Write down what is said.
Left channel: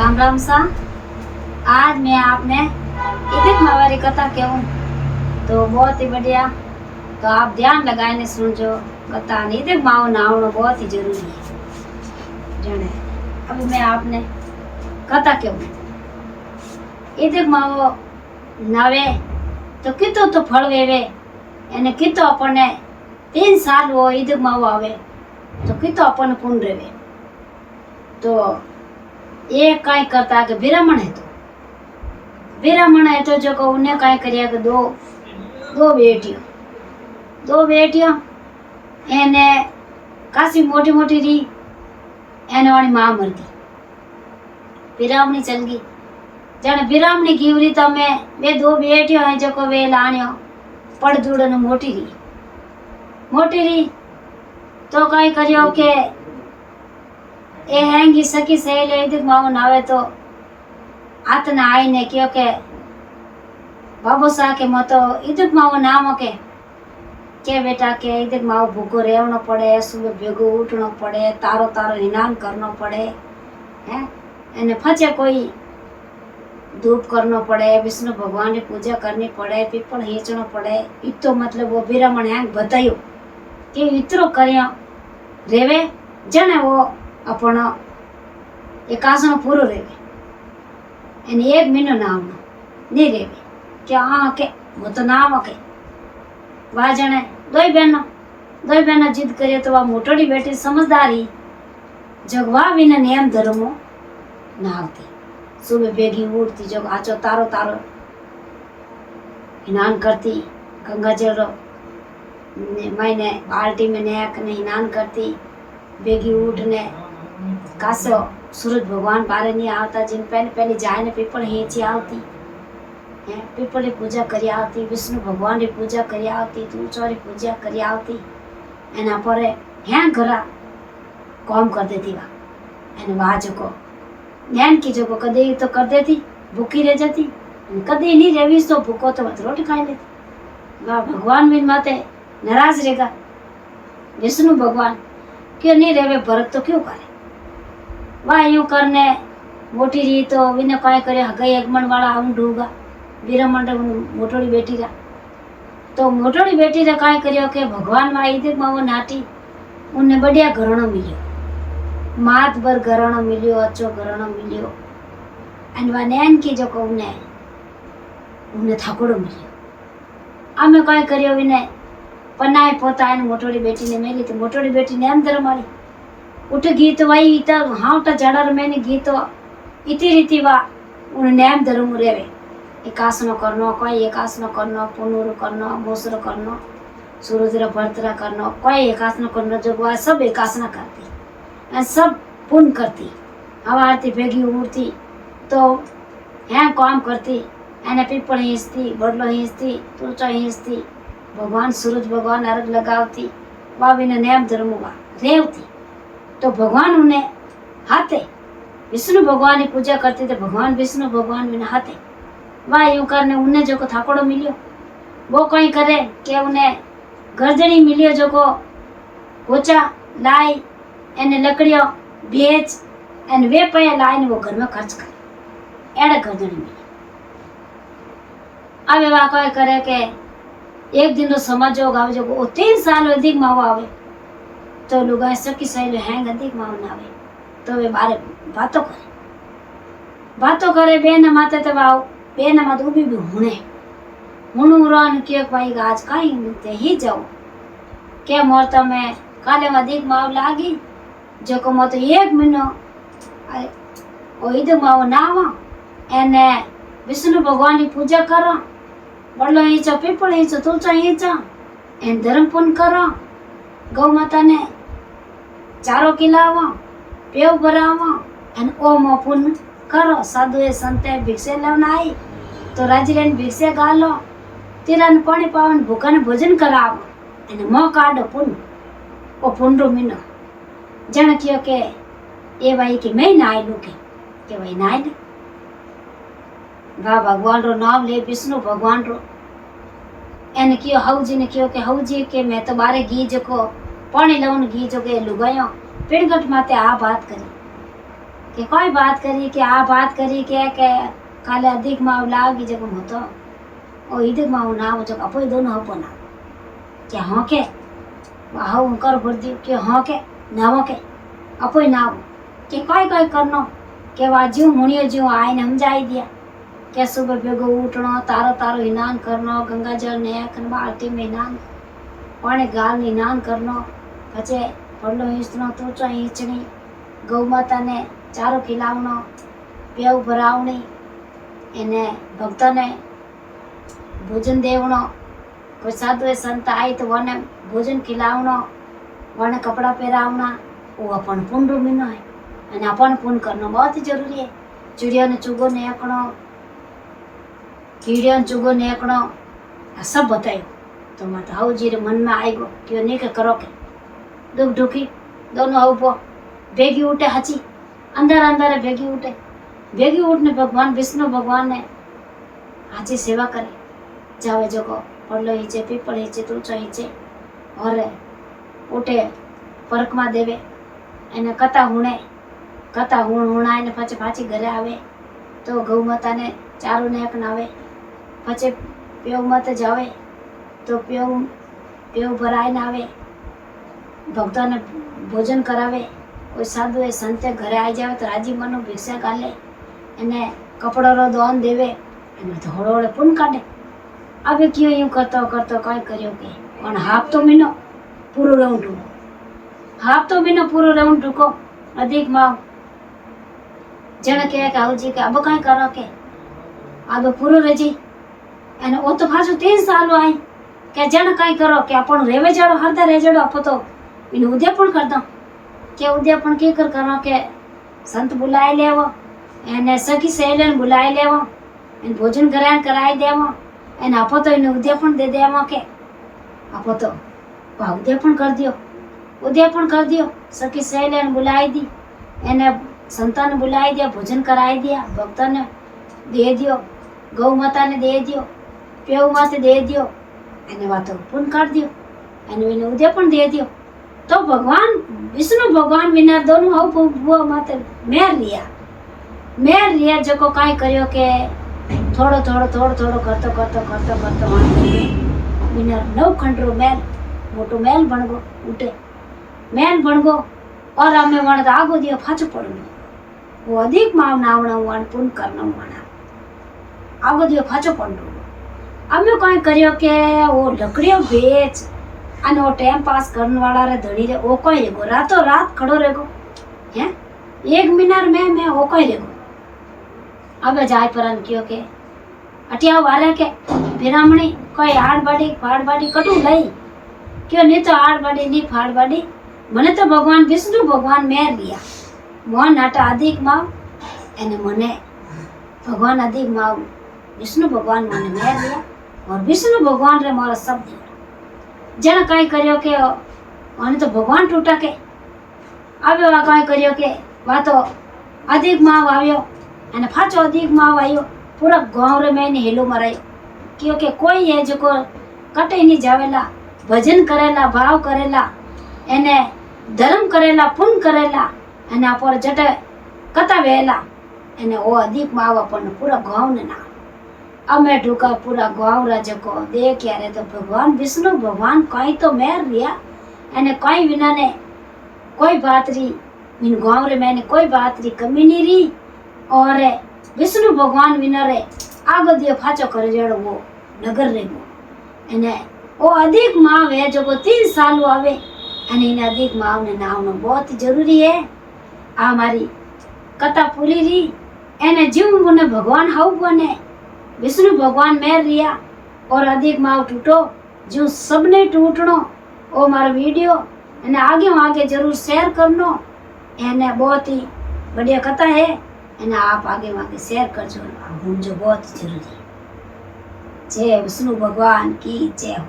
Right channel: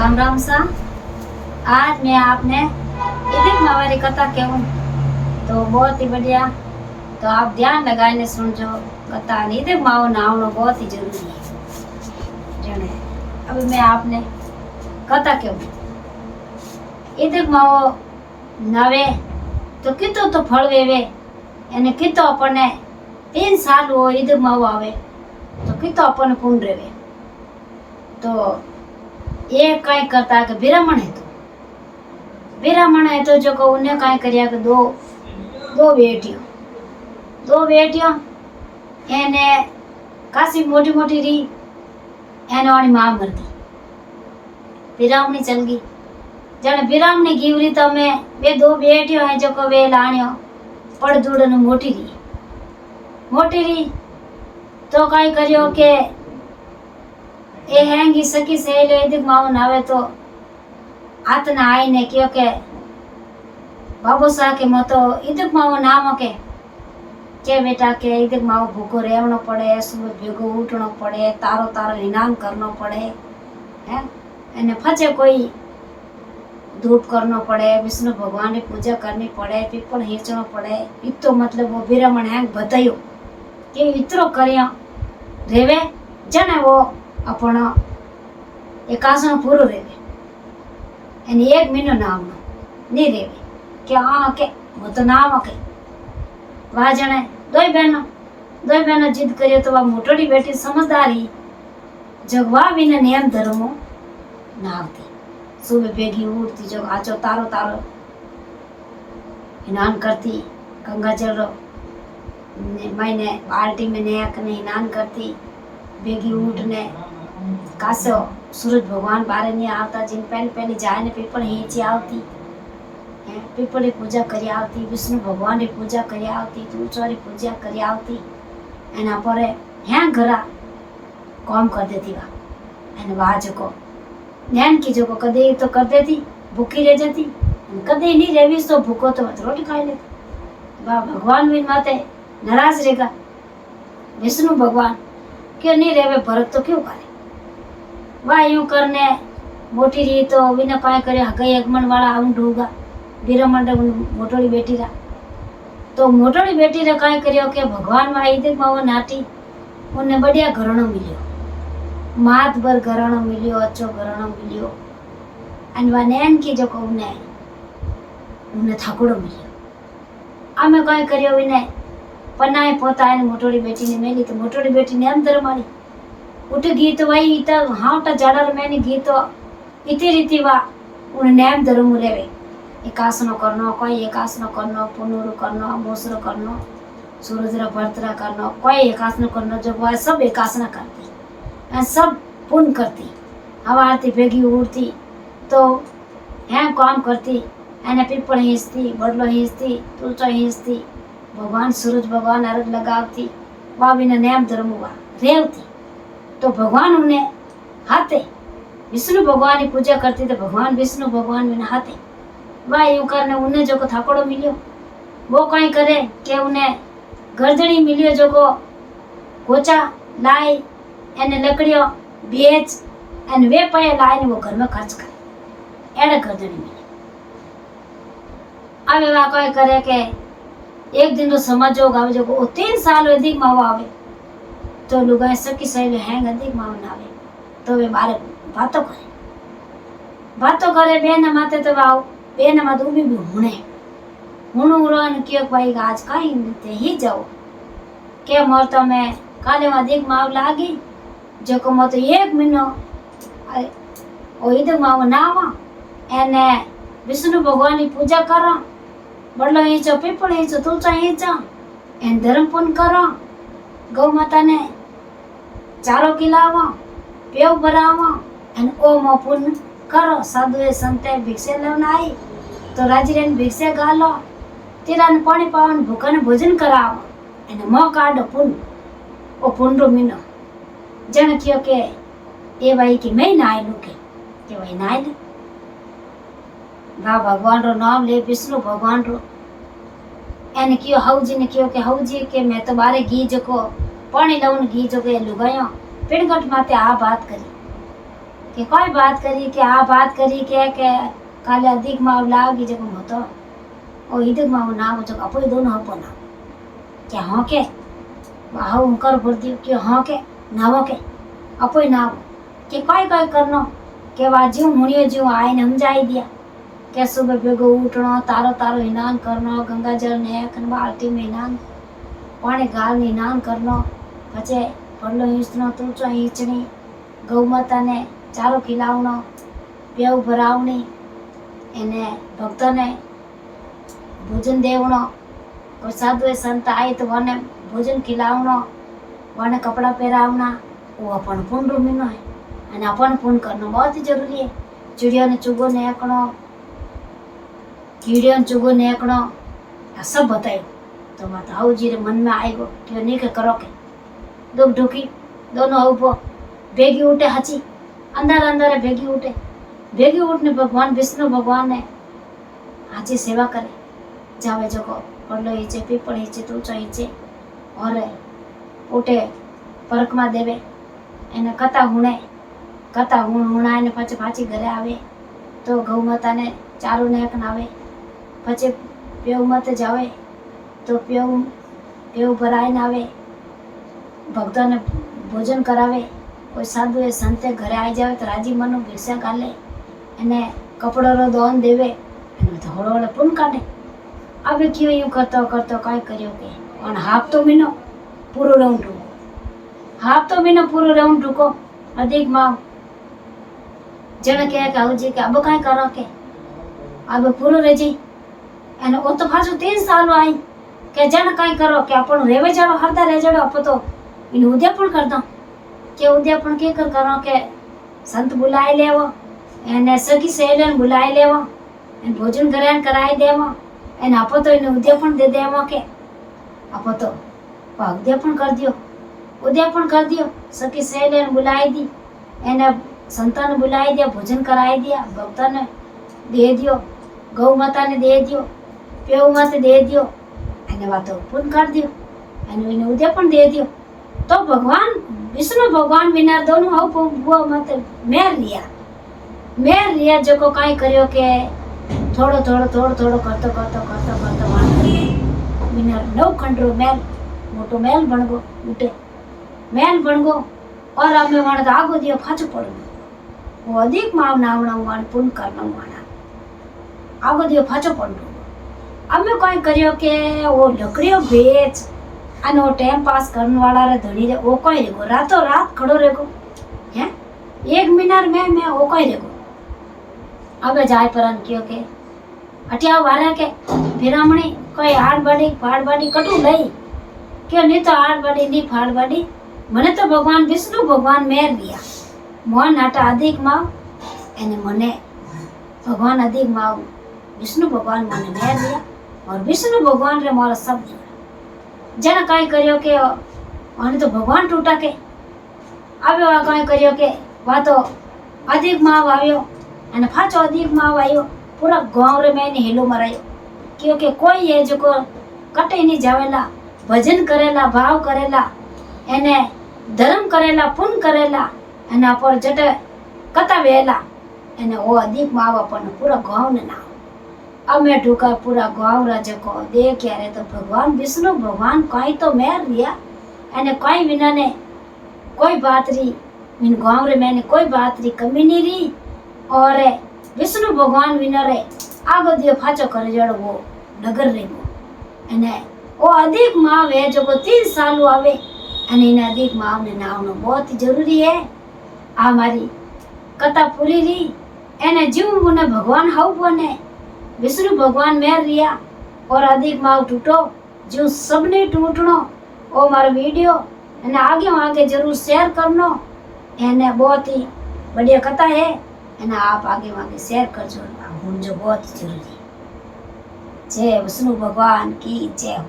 राम राम सा। आज मैं आपने ईदिक माँ वाली कथा कहूँ तो बहुत ही बढ़िया। तो आप ध्यान लगाने सुनजो कथा। ईदिक माँ नहावना बहुत ही जरूरी है जने। अभी मैं आपने कथा कहूँ। ईदिक माँ नावे तो कितो तो फल वेवे एने कितो अपने 3 साल वो ईदिक माँ आवे तो कितो अपने पुण्य रेवे। तो ये कई करता के ब्राह्मण है तो जो को उन्हें कई करिया के दो बेटियों एने कासी मोटी मोटी री एने वाली मां मर गई। ब्राह्मणी चल गई जने ब्राह्मणी गीवरी तो मैं वे 2 बेटियों है जो को वे लाणियो पड़ दूड़ मोटी री तो कई करियो के ए हैंगी सकी सहेलो ईदिक माँ नावे तो आतना आई ने क्यों के बाबू सा के मतो ईदिक माँ नाम के बेटा के ईदिक माँ भूखो रहनो पड़े, सुबह भेगो उठनो पड़े, तारो हिनान करनो पड़े हैं एने फचे कोई धूप करनो पड़े, विष्णु भगवान की पूजा करनी पड़े, पीपल हेचनो पड़े। इतो मतलब वो ब्राह्मण हैंग बतायो कि इतरो करियो रेवे जने वो अपनो एकासनो पूरो रेवे एने 1 महीनो नावनो नहीं रेवे क्या के वो तो नाम के वा जने दो बहनों जिद करियो तो वा मोटोड़ी बेटी समझदारी जगवा बिना नियम धर्मो नावती। सुबह बेगी उठती जो आचो तारो स्नान करती, गंगा जल रो मैंने बाल्टी में नया स्नान करती, बेगी उठने कासो सूरज भगवान बारे नहीं आवता जिन पहले जाए ने पीपल हीची आवती है, पीपल की पूजा करी आवती, विष्णु भगवान की पूजा करी आवती, तुलसी की पूजा करी आवती एना पर हैं घरा काम कर देती वा एने वा जो नैन की जो कदे तो कर देती भूखी रह जाती, कदे नहीं रेवी तो भूखो तो रोटी खाई लेती। वाह भगवान बिन माते नाराज रहेगा विष्णु भगवान क्यों नहीं रेवे भरत तो क्यों करे। वाह यूं करने मोटी रही तो विने कई करे हगई अगमन वाला आऊं ढूंगा ब्राह्मण मोटोड़ी बेटी रा तो मोटोड़ी बेटी रे कई करियो के भगवान वा ईदिक माँ नाटी उन्ने बढ़िया घराणो मिलियो, मात भर घराणो मिलियो, अच्छो घराणो मिलियो एन वा नैन की जो को उन्ने थाकोड़ो मिलियो। आमे कई करियो विने पनाए पोता एन मोटोड़ी बेटी ने मेली तो मोटोड़ी बेटी ने अंदर मारी उठ गई तो वही इत हाउटा जड़र मैंने गई तो इति रीति वा उन नैम धर्म रेवे एकासनो करनो कोई एकासनो करनो पुनूर करनो मोसर करनो सूरजरा भरतरा करनो कोई एकासनो करनो जो वा सब एकासना करती एन सब पुण्य करती हवारती भेगी उड़ती तो हैं काम करती एने पीपल हिंचती बडलो हिंचती तुलचो हिंचती भगवान सूरज भगवान अर्घ लगावती वा बिना नैम धर्म वा रेवती। तो भगवान उन्हें हाथे विष्णु भगवान की पूजा करती तो भगवान विष्णु भगवान बिना हाथे वाह यूं करने उन्हें जो को थाकोड़ो मिलियो वो कहीं करे कि उन्हें गर्दनी मिलियो जो को गोचा लाई एने लकड़ियों बेच एने वे पाए लाई वो घर में खर्च करे एड़े गर्दनी मिली। अब वाह कहीं करे के एक दिन तो समझ होगा जो को 3 साल अधिक मावा आवे तो लुगाई सकी सही हैंग अधिक मावनावे तो वे बारे बातों करे बेन माते तो वाव बेन मत उभी भी हुणू रोन क्यों भाई आज काई मिलते ही जाओ के मोर तो मैं काले अधिक माव लागी जो को मत 1 महीनो ओ ईदिक माव नावा एने विष्णु भगवान की पूजा करो बड़लो हिंचो पीपल हिंचो तुलसा हिंचो एन धर्म पुण्य करो गौ माता ने चारो खिलावो पेव भरावो एन ओम पुण्य करो साधु संते भिक्षे लेवन आई तो राजरेन भिक्षे गालो तीरान पानी पावन भूखा ने भोजन करावो एने मोह काढो पुण्य ओ पुण्य मीनो जन कियो के ए भाई की मैं नाई लू के भाई नाई ले बा भगवान रो नाम ले विष्णु भगवान रो एने कियो हौजी ने कियो के हौजी के मैं तो बारे घी जो को पानी लाउन घी जो के लुगायो पिणगट माते आ बात करी કે કોઈ વાત કરી કે આ વાત કરી કે કાલે अधिक माव लागी जब मतो ओ इधर माव ना हो जो अपो दोनों हपो ना के हाँ के बाहु कर भर दियो के हाँ के ना हो के अपो ना हो के कोई करनो के वाजू मुनियो जो आए ने समझाई दिया के सुबह भेगो उठनो तारो तारो स्नान करनो गंगा जल ने बाल्टी में स्नान पानी गाल ने स्नान करनो पछे પડલો ઈંચનો તૂચો ઈંચણી ગૌ માતાને ચારો ખીલાવણો પેવ ભરાવણી એને ભક્તોને ભોજન દેવણો કોઈ સાધુ સંત આય તો વને ભોજન ખીલાવણો વને કપડા પહેરાવના वो अपन पुण्य महीनो है અને अपन पुण्य करना बहुत ही जरूरी है। चिड़िया ने चुगो ने एकणो कीड़िया ने चुगो ने एकणो आ सब बतायो तो मत हाउ जी रे मन में आई गो कि नहीं के करो के दुख दुखी दोनों उभो भेगी उठे हची अंदर अंदर भेगी उठने भगवान विष्णु भगवान ने हाची सेवा करे जावे जगो पड़लो हीचे पीपल हीचे तूचो हीचे और उठे परकमा देवे एने कथा हुणाय ने पाछे पाछी घरे आवे तो गौ माता ने चारू ने एक नावे पछे पेव मत जावे तो पेव भराय ना आवे भक्तों ने भोजन करावे कोई साधु ए संते घरे आई जावे तो राजी मनो भिक्षा गाले एने कपड़ो रो दान देवे एने थोड़ो ओले पुण्य काढे। अब क्यों यूं करतो काय कर्यो के पण हाफ तो महीनो पूरो राउंड टूको अधिक माव जने कहे के हाउजी के अब कई करो के अब पूरो रह जाई एने ओ तो पाछो 3 साल आई के जने कई करो के आपण रेवे जाड़ो हरदा रह जाड़ो आप तो इन उद्यापन करता के उद्यापन की करो के संत बुलाए लेवो एने सखी सहेलियन बुलाए लेवो एन भोजन ग्रहण कराई देवो एन आप तो इन उद्यापन दे देवो के आप तो उद्यापन कर दियो सखी सहेलियन बुलाई दी एने संतान बुलाई दिया भोजन कराई दिया भक्तों ने दे दियो गौ माता ने दे दियो पेव माते दे दियो एने वातो पुण्य कर दियो एने उद्यापन दे दियो तो भगवान विष्णु भगवान विना दोनों हाउ बुआ माते मेर लिया जो को काई कर्यो के थोड़ो करतो वन करके विना 9 खंडरो मेल मोटो मेल बनगो उठे मेल बनगो और हमें वण आगो दियो फाचो पड़ो वो अधिक माव नावणो वन पुण्य करनो माना आगो दियो फाचो पड़ो हमें काई कर्यो के वो लकड़ियो बेच અને वो टाइम पास करने वाला रे धड़ी रे वो कोई रेगो रातों रात खड़ो रेगो हैं 1 मिनट में वो कोई रेगो अबे जाय परन क्यों के अटिया वाले के फिरामणी कोई आड़ बाड़ी कटू लई क्यों नहीं तो आड़ बाड़ी नहीं फाड़ बाड़ी मने तो भगवान विष्णु भगवान मेर दिया मोहन आटा अधिक माव एने मने भगवान अधिक माव विष्णु भगवान मने मेर दिया और विष्णु भगवान रे मारा सब दिया जने काई कर्यो के आने तो भगवान टूटा के आवे काई कर्यो के वातो अधिक माव आव्यो अने फाचो अधिक माव आयो पूरा गांव रे मैंने हेलो मरायो क्योंकि कोई है जो को कटे नहीं जावेला भजन करेला भाव करेला एने धर्म करेला पुण्य करेला एने पर जटे कथा वेला एने ओ अधिक माव अपन पूरा गांव ने ना अमे ढुका पूरा गांव राजो को देख यारे तो भगवान विष्णु भगवान कहीं तो मेर लिया एने कहीं बिना ने कोई बात री इन गांव रे मैंने कोई बात री कमी नहीं री और विष्णु भगवान बिना रे आगो दियो फाचो करे जड़ वो नगर रे वो एने वो अधिक माव है जो को 3 साल आवे एने इन अधिक माव ने नावनो बहुत जरूरी है। आ हमारी कथा पूरी री एने जीव ने भगवान हाउ बने विष्णु भगवान मेर रिया और अधिक माव टूटो जो सबने टूटनो वो मारो वीडियो एने आगे जरूर शेयर करनो एने बहुत ही बढ़िया कथा है एने आप आगे शेयर करजो जो बहुत जरूरी। जय विष्णु भगवान की जय।